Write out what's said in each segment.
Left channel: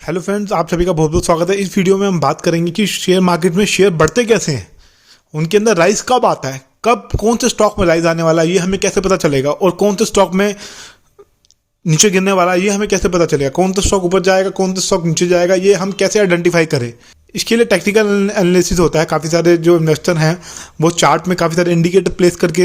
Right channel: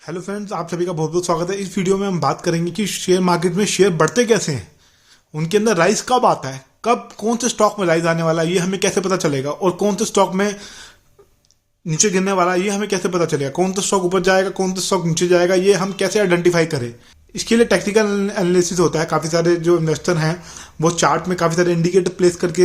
Hello friends, आप सभी का बहुत बहुत स्वागत है। इस वीडियो में हम बात करेंगे कि शेयर मार्केट में शेयर बढ़ते कैसे हैं, उनके अंदर राइज कब आता है, कब कौन से स्टॉक में राइज आने वाला है ये हमें कैसे पता चलेगा, और कौन से स्टॉक में नीचे गिरने वाला है ये हमें कैसे पता चलेगा, कौन सा स्टॉक ऊपर जाएगा कौन सा स्टॉक नीचे जाएगा ये हम कैसे आइडेंटिफाई करें। इसके लिए टेक्निकल एनालिसिस होता है। काफ़ी सारे जो इन्वेस्टर हैं वो चार्ट में काफ़ी सारे इंडिकेटर प्लेस करके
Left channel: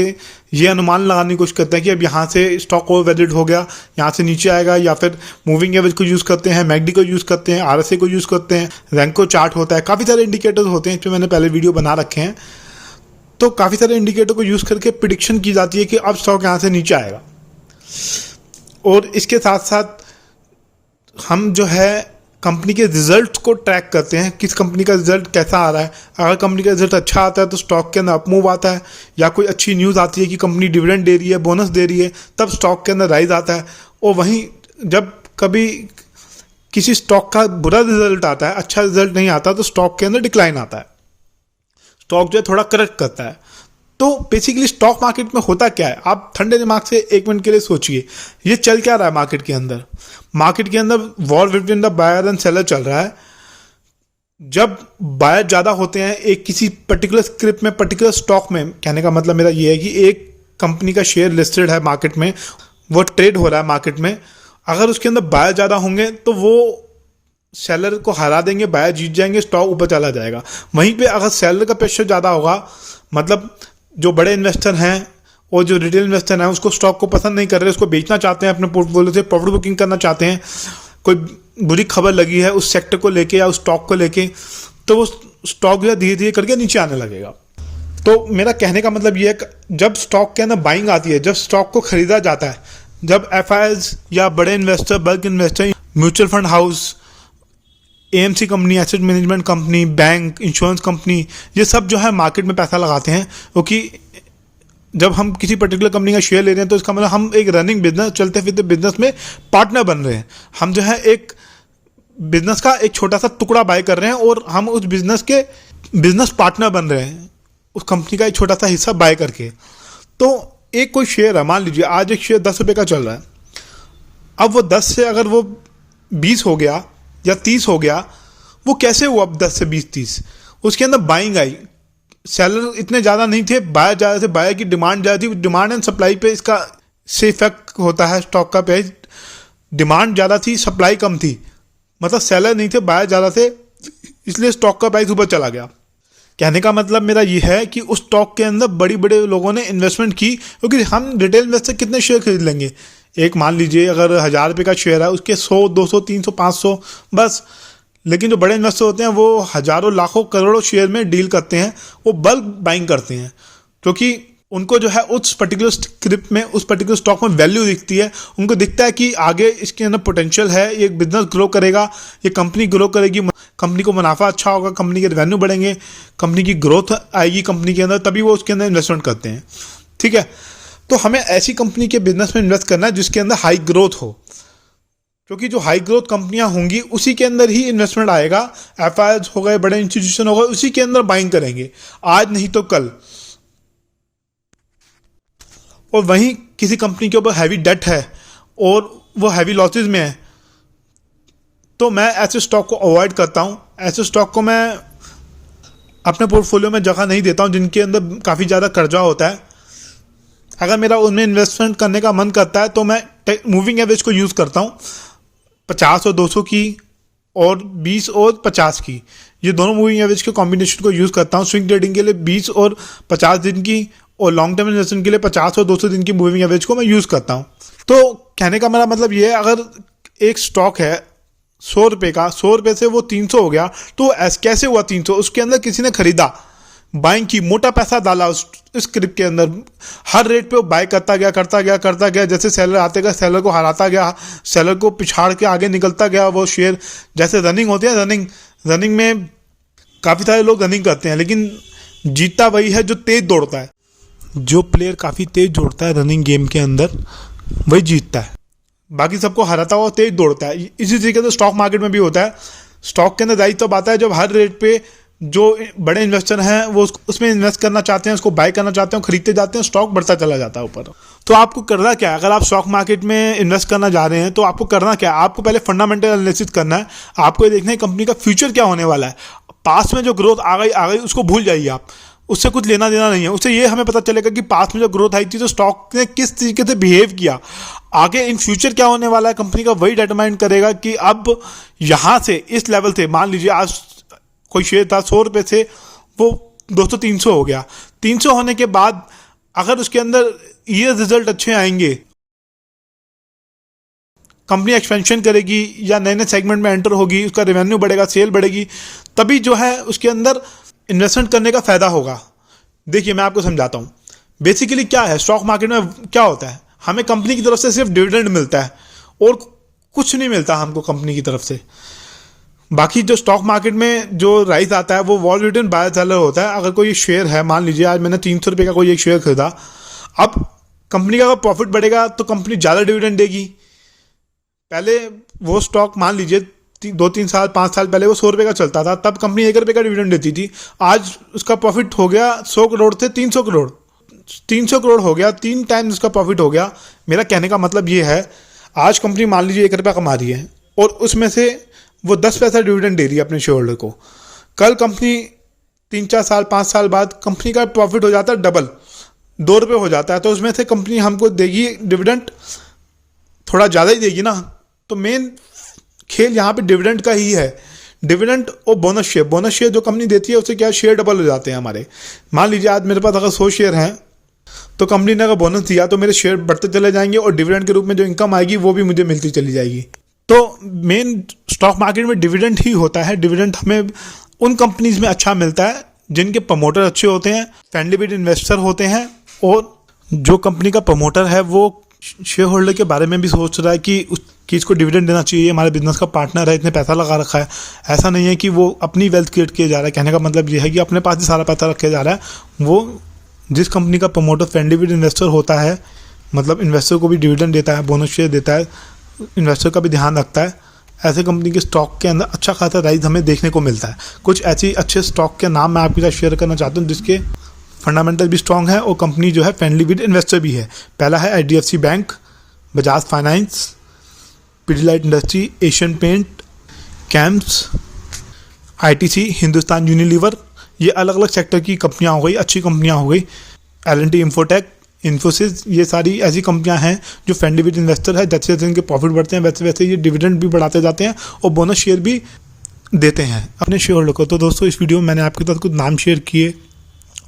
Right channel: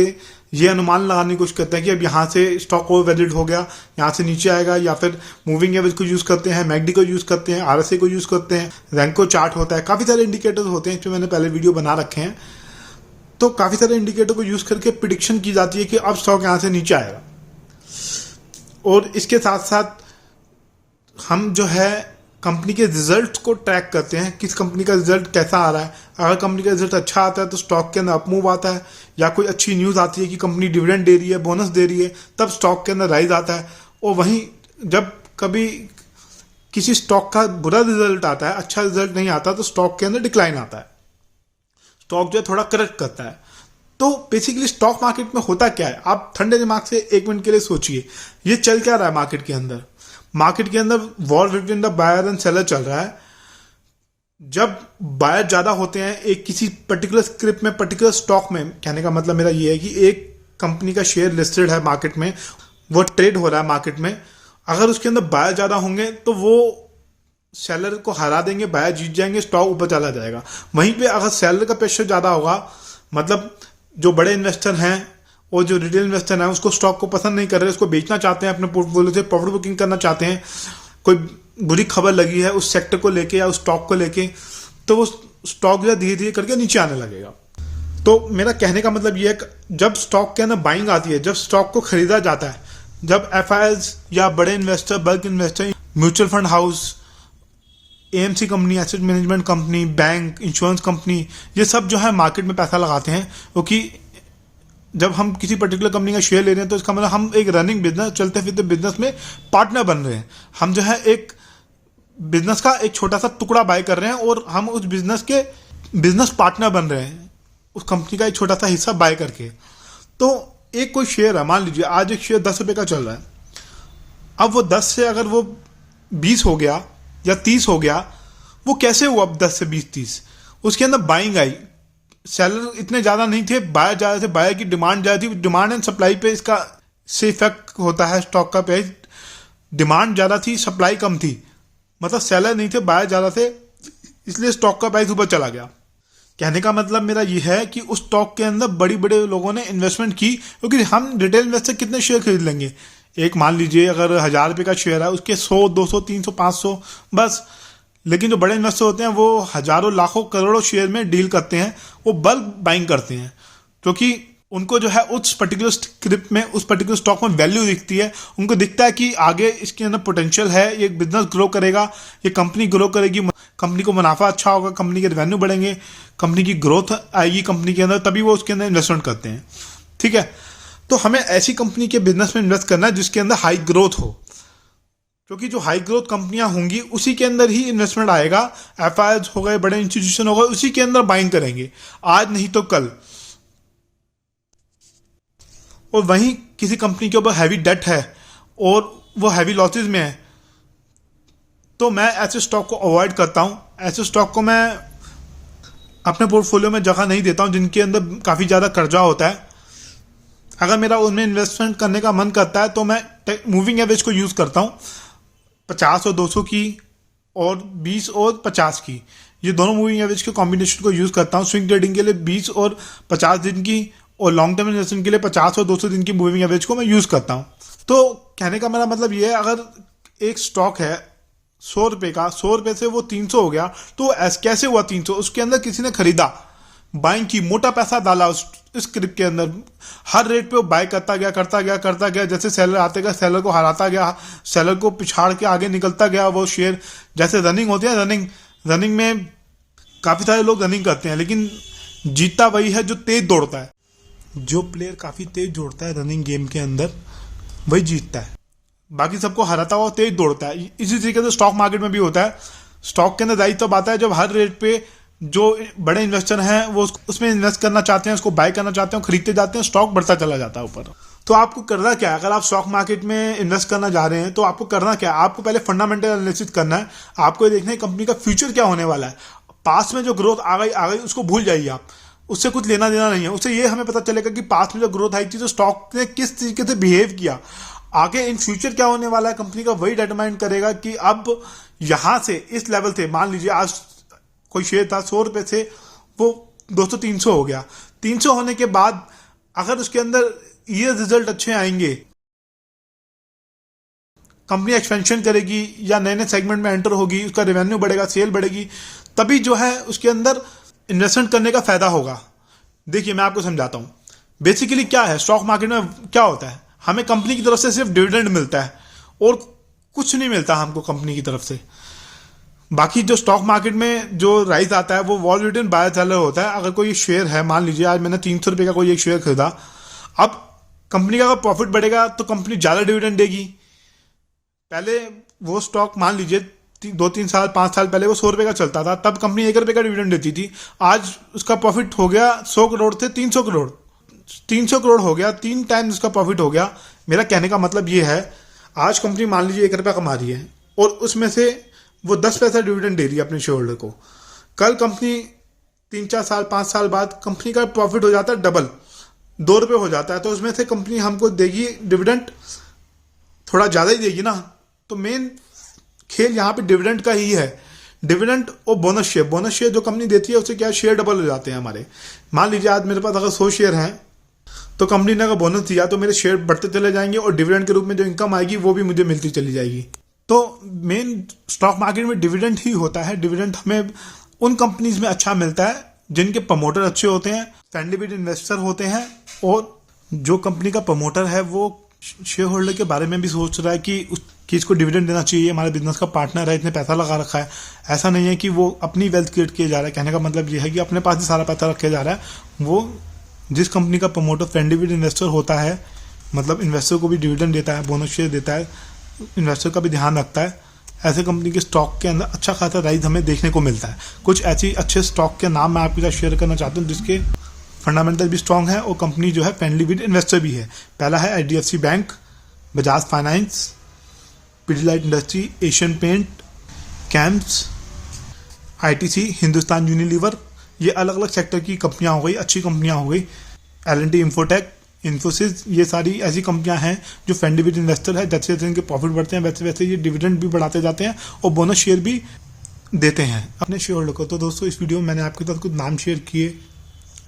ये अनुमान लगाने की कोशिश करते हैं कि अब यहाँ से स्टॉक ओवर वैल्यूड हो गया, यहाँ से नीचे आएगा, या फिर मूविंग एवरेज को यूज़ करते हैं, मैकडी को यूज़ करते हैं, आरएसए को यूज़ करते हैं, रैंको चार्ट होता है, काफ़ी सारे इंडिकेटर्स होते हैं। इसमें मैंने पहले वीडियो बना रखे हैं। तो काफ़ी सारे इंडिकेटर को यूज़ करके प्रिडिक्शन की जाती है कि अब स्टॉक यहाँ से नीचे आएगा। और इसके साथ साथ हम जो है कंपनी के रिजल्ट को ट्रैक करते हैं, किस कंपनी का रिजल्ट कैसा आ रहा है। अगर कंपनी का रिजल्ट अच्छा आता है तो स्टॉक के अंदर अपमूव आता है, या कोई अच्छी न्यूज़ आती है कि कंपनी डिविडेंड दे रही है, बोनस दे रही है, तब स्टॉक के अंदर राइज आता है। और वहीं जब कभी किसी स्टॉक का बुरा रिजल्ट आता है, अच्छा रिजल्ट नहीं आता, तो स्टॉक के अंदर डिक्लाइन आता है, स्टॉक जो है थोड़ा करेक्ट करता है। तो बेसिकली स्टॉक मार्केट में होता क्या है, आप ठंडे दिमाग से एक मिनट के लिए सोचिए, ये चल क्या रहा है मार्केट के अंदर। मार्केट के अंदर war between the buyer and seller चल रहा है। जब बायर ज्यादा होते हैं एक किसी पर्टिकुलर स्क्रिप्ट में, पर्टिकुलर स्टॉक में, कहने का मतलब मेरा ये है कि एक कंपनी का शेयर लिस्टेड है मार्केट में, वो ट्रेड हो रहा है मार्केट में, अगर उसके अंदर बायर ज्यादा होंगे तो वो सेलर को हरा देंगे, बायर जीत जाएंगे, स्टॉक ऊपर चला जाएगा। वहीं पे अगर सेलर का प्रेशर ज्यादा होगा, मतलब जो बड़े इन्वेस्टर हैं और जो रिटेल इन्वेस्टर हैं उसको स्टॉक को पसंद नहीं कर रहे, उसको बेचना चाहते हैं, अपने पोर्टफोलियो से प्रॉफिट बुकिंग करना चाहते हैं, कोई बुरी खबर लगी है उस सेक्टर को लेके या उस स्टॉक को लेके, तो वो स्टॉक जो है धीरे धीरे करके नीचे आने लगेगा। तो मेरा कहने का मतलब ये है कि जब स्टॉक के अंदर बाइंग आती है, जब स्टॉक को खरीदा जाता है, जब एफआईआईज या बड़े investor, bulk investor, mutual fund house, AMC company, asset management company, bank, insurance company, ये सब जो है मार्केट में पैसा लगाते हैं, क्योंकि जब हम किसी पर्टिकुलर कंपनी का शेयर ले रहे हैं तो इसका मतलब हम एक रनिंग बिजनेस, चलते फिरते बिजनेस में पार्टनर बन रहे हैं। हम जो है एक बिजनेस का एक छोटा सा टुकड़ा बाय कर रहे हैं और हम उस बिजनेस के बिजनेस पार्टनर बन रहे हैं, उस कंपनी का एक छोटा सा हिस्सा बाय करके। तो एक कोई शेयर है, मान लीजिए आज एक शेयर 10 रुपये का चल रहा है, अब वो 10 से अगर वो 20 हो गया या 30 हो गया, वो कैसे हुआ? अब 10 से 20 30 उसके अंदर बाइंग आई, सेलर इतने ज़्यादा नहीं थे, बायर ज़्यादा थे, बायर की डिमांड ज़्यादा थी। डिमांड एंड सप्लाई पे इसका से इफेक्ट होता है स्टॉक का प्राइस। डिमांड ज़्यादा थी, सप्लाई कम थी, मतलब सेलर नहीं थे, बायर ज़्यादा थे, इसलिए स्टॉक का प्राइस ऊपर चला गया। कहने का मतलब मेरा ये है कि उस स्टॉक के अंदर बड़ी बड़े लोगों ने इन्वेस्टमेंट की, क्योंकि हम रिटेल इन्वेस्टर कितने शेयर खरीद लेंगे? एक मान लीजिए अगर 1000 रुपये का शेयर है, उसके 100 200 300 500 बस। लेकिन जो बड़े इन्वेस्टर होते हैं वो हजारों लाखों करोड़ों शेयर में डील करते हैं, वो बल्क बाइंग करते हैं, क्योंकि उनको जो है उस पर्टिकुलर स्क्रिप्ट में, उस पर्टिकुलर स्टॉक में वैल्यू दिखती है। उनको दिखता है कि आगे इसके अंदर पोटेंशियल है, ये बिजनेस ग्रो करेगा, ये कंपनी ग्रो करेगी, कंपनी को मुनाफा अच्छा होगा, कंपनी के रेवेन्यू बढ़ेंगे, कंपनी की ग्रोथ आएगी कंपनी के अंदर, तभी वो उसके अंदर इन्वेस्टमेंट करते हैं। ठीक है, तो हमें ऐसी कंपनी के बिजनेस में इन्वेस्ट करना है जिसके अंदर हाई ग्रोथ हो, क्योंकि जो हाई ग्रोथ कंपनियां होंगी उसी के अंदर ही इन्वेस्टमेंट आएगा। एफआईआईज हो गए, बड़े इंस्टीट्यूशन हो गए, उसी के अंदर बाइंग करेंगे, आज नहीं तो कल। और वहीं किसी कंपनी के ऊपर हैवी डेट है और वो हैवी लॉसेज में है, तो मैं ऐसे स्टॉक को अवॉइड करता हूं। ऐसे स्टॉक को मैं अपने पोर्टफोलियो में जगह नहीं देता हूं जिनके अंदर काफ़ी ज़्यादा कर्जा होता है। अगर मेरा उनमें इन्वेस्टमेंट करने का मन करता है तो मैं मूविंग एवरेज को यूज़ करता हूँ, 50 और 200 की, और 20 और 50 की, ये दोनों मूविंग एवरेज के कॉम्बिनेशन को यूज़ करता हूँ। स्विंग ट्रेडिंग के लिए 20 और 50 दिन की, और लॉन्ग टर्म इन्वेस्टमेंट के लिए 50 और 200 दिन की मूविंग एवरेज को मैं यूज़ करता हूँ। तो कहने का मेरा मतलब ये है, अगर एक स्टॉक है 100 रुपये का, 100 रुपये से वो 300 हो गया, तो कैसे हुआ 300? उसके अंदर किसी ने खरीदा, बाइंग की, मोटा पैसा डाला उस स्क्रिप्ट के अंदर, हर रेट पे वो बाय करता गया करता गया करता गया, जैसे सेलर आते गया सेलर को हराता गया, सेलर को पिछाड़ के आगे निकलता गया वो शेयर। जैसे रनिंग होती है, रनिंग में काफ़ी सारे लोग रनिंग करते हैं, लेकिन जीतता वही है जो तेज दौड़ता है। जो प्लेयर काफ़ी तेज दौड़ता है रनिंग गेम के अंदर, वही जीतता है, बाकी सबको हराता हुआ तेज दौड़ता है। इसी तरीके से स्टॉक मार्केट में भी होता है। स्टॉक के अंदर राइज तब आता है जब हर रेट पे जो बड़े इन्वेस्टर हैं वो उसमें इन्वेस्ट करना चाहते हैं, उसको बाय करना चाहते हैं, खरीदते जाते हैं, स्टॉक बढ़ता चला जाता है ऊपर। तो आपको करना क्या है, अगर आप स्टॉक मार्केट में इन्वेस्ट करना जा रहे हैं तो आपको करना क्या है, आपको पहले फंडामेंटल एनालिसिस करना है। आपको ये देखना है कंपनी का फ्यूचर क्या होने वाला है। पास्ट में जो ग्रोथ आ गई उसको भूल जाइए आप, उससे कुछ लेना देना नहीं है। उससे ये हमें पता चलेगा कि पास्ट में जो ग्रोथ आई थी तो स्टॉक ने किस तरीके से बिहेव किया। आगे इन फ्यूचर क्या होने वाला है कंपनी का, वही डिटरमाइन करेगा कि अब यहां से इस लेवल से, मान लीजिए आज कोई शेयर था 100 रुपए से, वो 200-300 हो गया। 300 होने के बाद अगर उसके अंदर ईयर रिजल्ट अच्छे आएंगे, कंपनी एक्सपेंशन करेगी या नए नए सेगमेंट में एंटर होगी, उसका रेवेन्यू बढ़ेगा, सेल बढ़ेगी, तभी जो है उसके अंदर इन्वेस्टमेंट करने का फायदा होगा। देखिए मैं आपको समझाता हूं बेसिकली क्या है स्टॉक मार्केट में। क्या होता है, हमें कंपनी की तरफ से सिर्फ डिविडेंड मिलता है और कुछ नहीं मिलता हमको कंपनी की तरफ से। बाकी जो स्टॉक मार्केट में जो राइज आता है वो वॉल्यूम बाय सेलर होता है। अगर कोई शेयर है, मान लीजिए आज मैंने 300 रुपये का कोई एक शेयर खरीदा, अब कंपनी का अगर प्रॉफिट बढ़ेगा तो कंपनी ज़्यादा डिविडेंड देगी। पहले वो स्टॉक मान लीजिए 2-3 साल 5 साल पहले वो 100 रुपये का चलता था, तब कंपनी 1 रुपये का डिविडेंड देती थी। आज उसका प्रॉफिट हो गया 100 करोड़ से 300 करोड़, 300 करोड़ हो गया, 3 टाइम उसका प्रॉफिट हो गया। मेरा कहने का मतलब ये है, आज कंपनी मान लीजिए 1 रुपया कमा रही है और उसमें से वो 10 पैसा डिविडेंड दे रही है अपने शेयर होल्डर को। कल कंपनी 3-4 साल 5 साल बाद कंपनी का प्रॉफिट हो जाता है डबल, 2 रुपये हो जाता है, तो उसमें से कंपनी हमको देगी डिविडेंड, थोड़ा ज़्यादा ही देगी ना। तो मेन खेल यहाँ पे डिविडेंड का ही है। डिविडेंड और बोनस शेयर जो कंपनी देती है उससे क्या शेयर डबल हो जाते हैं हमारे। मान लीजिए आज मेरे पास अगर 100 शेयर हैं तो कंपनी ने अगर बोनस दिया तो मेरे शेयर बढ़ते चले जाएंगे और डिविडेंड के रूप में जो इनकम आएगी वो भी मुझे मिलती चली जाएगी। तो मेन स्टॉक मार्केट में डिविडेंड ही होता है। डिविडेंड हमें उन कंपनीज में अच्छा मिलता है जिनके प्रमोटर अच्छे होते हैं, फ्रेंडली विद इन्वेस्टर होते हैं, और जो कंपनी का प्रमोटर है वो शेयर होल्डर के बारे में भी सोच रहा है कि इसको डिविडेंड देना चाहिए, हमारे बिजनेस का पार्टनर है, इतने पैसा लगा रखा है। ऐसा नहीं है कि वो अपनी वेल्थ क्रिएट किए जा रहा है। कहने का मतलब ये है कि अपने पास ही सारा पैसा रखे जा रहा है। वो जिस कंपनी का प्रमोटर फ्रेंडली विद इन्वेस्टर होता है, मतलब इन्वेस्टर को भी डिविडेंड देता है, बोनस शेयर देता है, इन्वेस्टर का भी ध्यान रखता है, ऐसे कंपनी के स्टॉक के अंदर अच्छा खासा राइज हमें देखने को मिलता है। कुछ ऐसी अच्छे स्टॉक के नाम मैं आपके साथ शेयर करना चाहता हूँ जिसके फंडामेंटल भी स्ट्रांग है और कंपनी जो है फ्रेंडली विद इन्वेस्टर भी है। पहला है HDFC bank, Bajaj Finance, Pidilite Industry, Asian Paint, कैम्प्स, ITC, हिंदुस्तान यूनिलीवर। ये अलग अलग सेक्टर की कंपनियां हो गई, अच्छी कंपनियां हो गई। L&T इंफोटेक, इन्फोसिस, ये सारी ऐसी कंपनियां हैं जो फ्रेंडली विद इन्वेस्टर है। जैसे जैसे इनके प्रॉफिट बढ़ते हैं वैसे वैसे ये डिविडेंड भी बढ़ाते जाते हैं और बोनस शेयर भी देते हैं अपने शेयर होल्डर को। तो दोस्तों इस वीडियो में मैंने आपके साथ कुछ नाम शेयर किए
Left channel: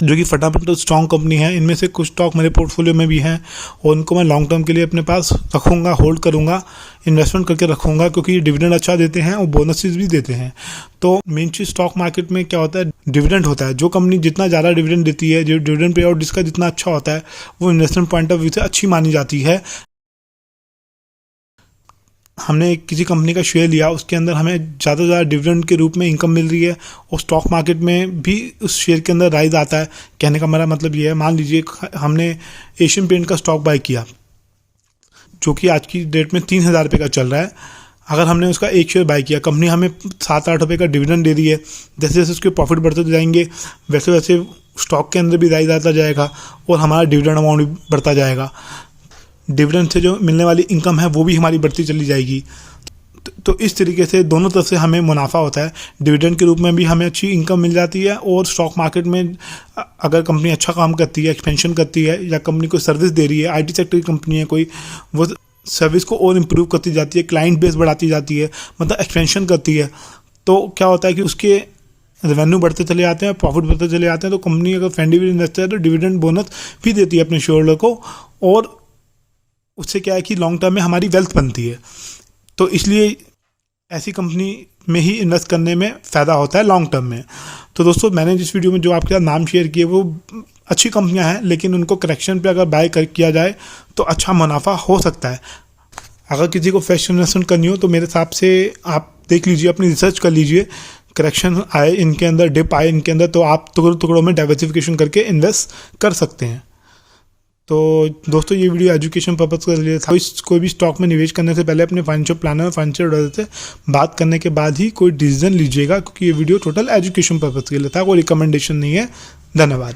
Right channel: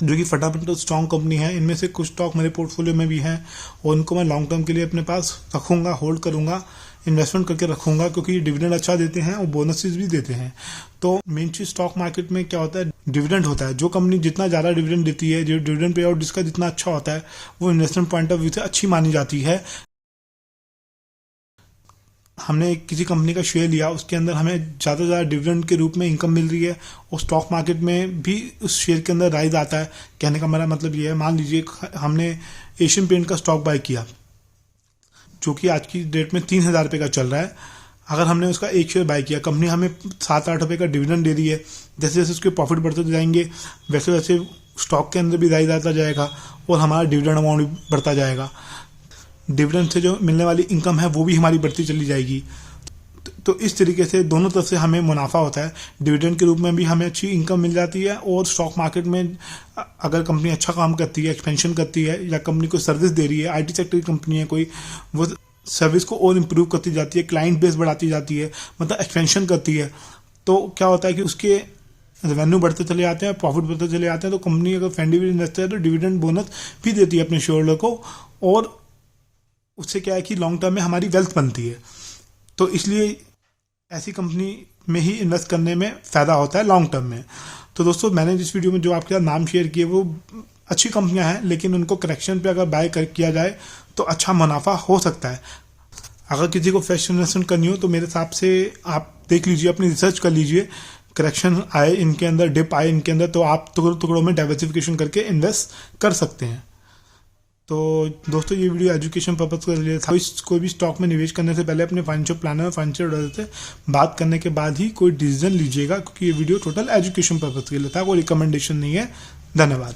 जो कि फंडामेंटल स्ट्रॉन्ग कंपनी है। इनमें से कुछ स्टॉक मेरे पोर्टफोलियो में भी हैं और उनको मैं लॉन्ग टर्म के लिए अपने पास रखूँगा, होल्ड करूँगा, इन्वेस्टमेंट करके रखूँगा, क्योंकि ये डिविडेंड अच्छा देते हैं और बोनसेस भी देते हैं। तो मेन चीज़ स्टॉक मार्केट में क्या होता है, डिविडेंड होता है। जो कंपनी जितना ज़्यादा डिविडेंड देती है, जो डिविडेंड पे आउट जिसका जितना अच्छा होता है, वो इन्वेस्टमेंट पॉइंट ऑफ व्यू से अच्छी मानी जाती है। हमने किसी कंपनी का शेयर लिया, उसके अंदर हमें ज़्यादा से ज़्यादा डिविडेंड के रूप में इनकम मिल रही है और स्टॉक मार्केट में भी उस शेयर के अंदर राइज आता है। कहने का मेरा मतलब ये है, मान लीजिए हमने एशियन पेंट का स्टॉक बाय किया जो कि आज की डेट में 3,000 रुपये का चल रहा है। अगर हमने उसका एक शेयर बाय किया, कंपनी हमें 7-8 रुपये का डिविडेंड दे रही है। जैसे जैसे उसके प्रॉफिट बढ़ते जाएंगे वैसे वैसे स्टॉक के अंदर भी राइज आता जाएगा और हमारा डिविडेंड अमाउंट भी बढ़ता जाएगा। डिविडेंड से जो मिलने वाली इनकम है वो भी हमारी बढ़ती चली जाएगी। तो इस तरीके से दोनों तरफ से हमें मुनाफा होता है। डिविडेंड के रूप में भी हमें अच्छी इनकम मिल जाती है और स्टॉक मार्केट में अगर कंपनी अच्छा काम करती है, एक्सपेंशन करती है या कंपनी को सर्विस दे रही है, IT सेक्टर की कंपनी है कोई, वो सर्विस को और इम्प्रूव करती जाती है, क्लाइंट बेस बढ़ाती जाती है, मतलब एक्सपेंशन करती है, तो क्या होता है कि उसके रेवेन्यू बढ़ते चले जाते हैं, प्रॉफिट बढ़ते चले जाते हैं। तो कंपनी अगर फ्रेंडली विद इन्वेस्टर है तो डिविडेंड बोनस भी देती है अपने शेयर होल्डर को और उससे क्या है कि लॉन्ग टर्म में हमारी वेल्थ बनती है। तो इसलिए ऐसी कंपनी में ही इन्वेस्ट करने में फ़ायदा होता है लॉन्ग टर्म में। तो दोस्तों मैंने जिस वीडियो में जो आपके साथ नाम शेयर किए वो अच्छी कंपनियां हैं, लेकिन उनको करेक्शन पे अगर बाय किया जाए तो अच्छा मुनाफा हो सकता है। अगर किसी को फ्रेश इन्वेस्टमेंट करनी हो तो मेरे हिसाब से आप देख लीजिए, अपनी रिसर्च कर लीजिए, करेक्शन आए इनके अंदर, डिप आए इनके अंदर, तो आप टुकड़ों टुकड़ों में डाइवर्सिफिकेशन करके इन्वेस्ट कर सकते हैं। तो दोस्तों ये वीडियो एजुकेशन पर्पज़ के लिए था। कोई भी स्टॉक में निवेश करने से पहले अपने फाइनेंशियल प्लानर और फाइनेंशियल एडवाइजर से बात करने के बाद ही कोई डिसीजन लीजिएगा, क्योंकि ये वीडियो टोटल एजुकेशन पर्पज़ के लिए था, कोई रिकमेंडेशन नहीं है। धन्यवाद।